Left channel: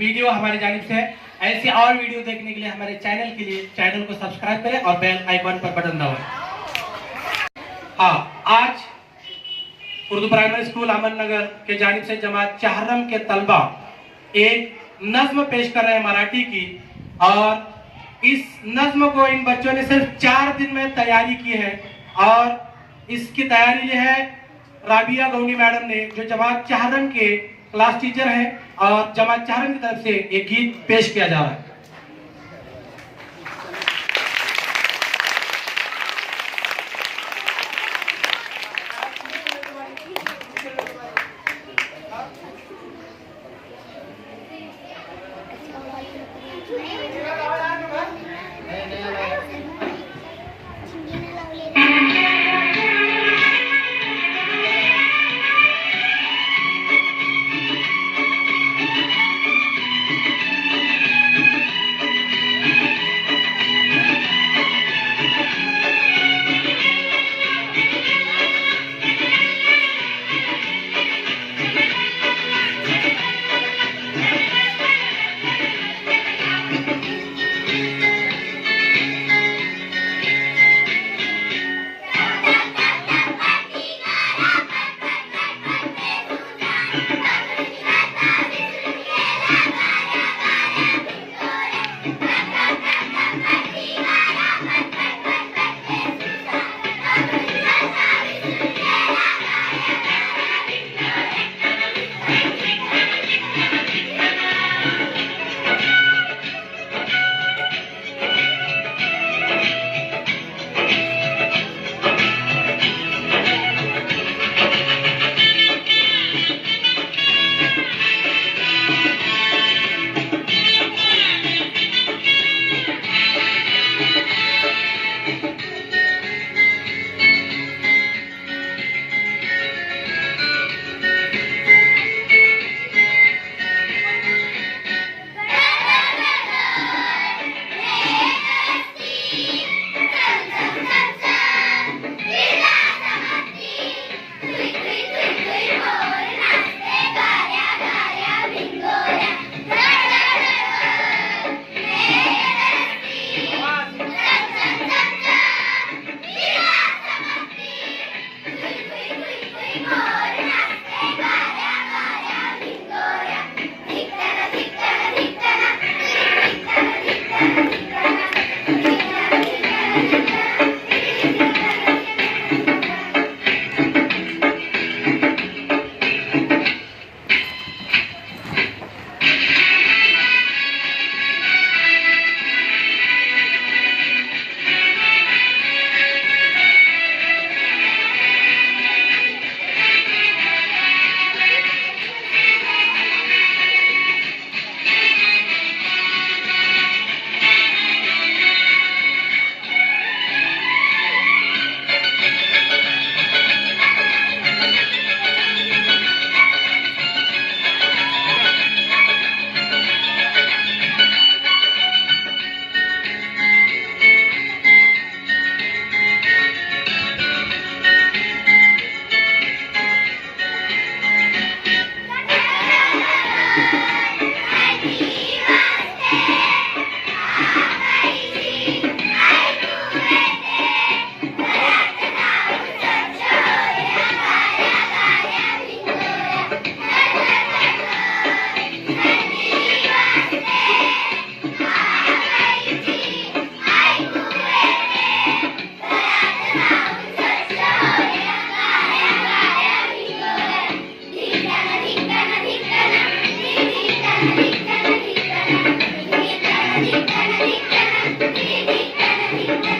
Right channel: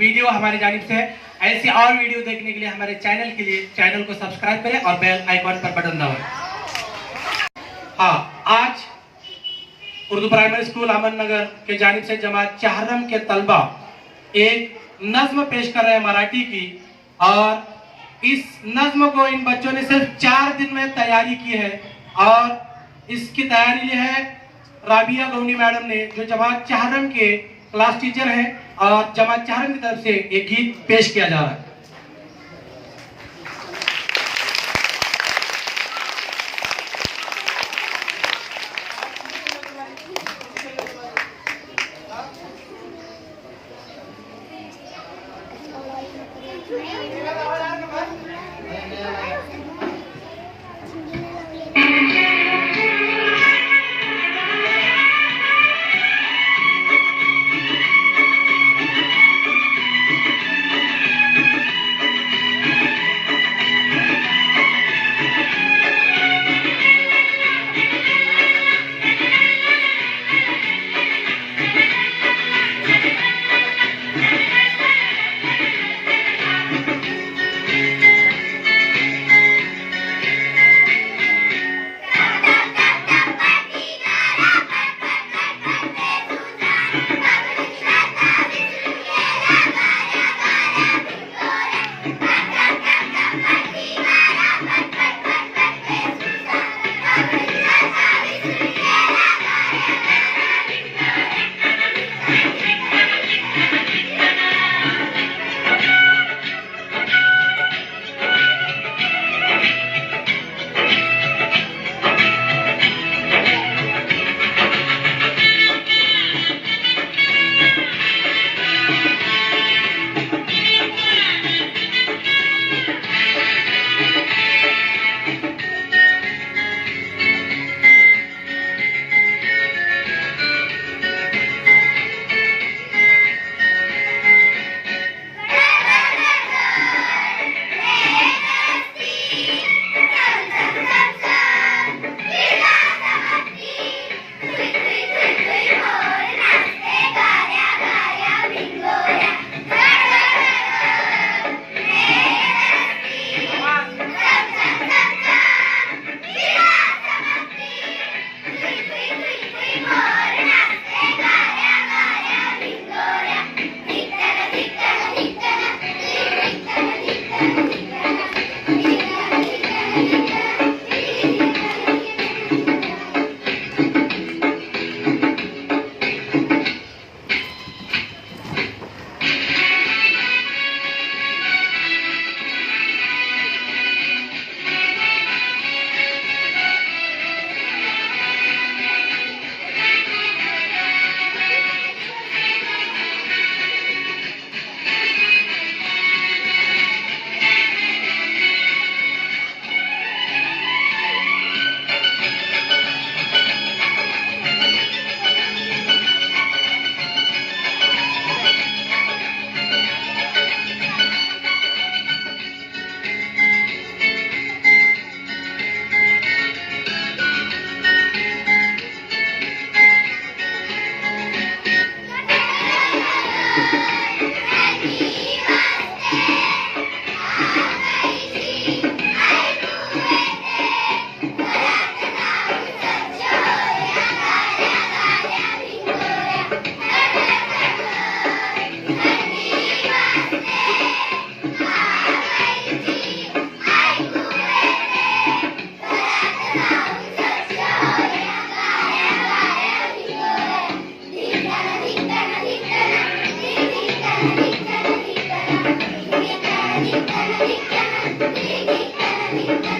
Video हमारी जानिब से है। ऐसी और वीडियो देखने के लिए हमारे चैनल को सब्सक्राइब करें और बेल आइकॉन पर बटन दबाएं। हाँ, आज उर्दू प्राइमरी स्कूल अमन नगर के जानिब से जमात चाहरम के तलबा एक नज्म पेश कर रहे हैं मराठी की, और इस नज्म को इन बच्चों ने सिर्फ 4 दिन में तैयारी की है। और इसकी तैयारी जो है राबिया गौनी मैडम ने, जो जमात चाहरम के क्लास टीचर हैं, और जमात चाहरम की तरफ से एक गीत पेश किया जा रहा है। Thank you.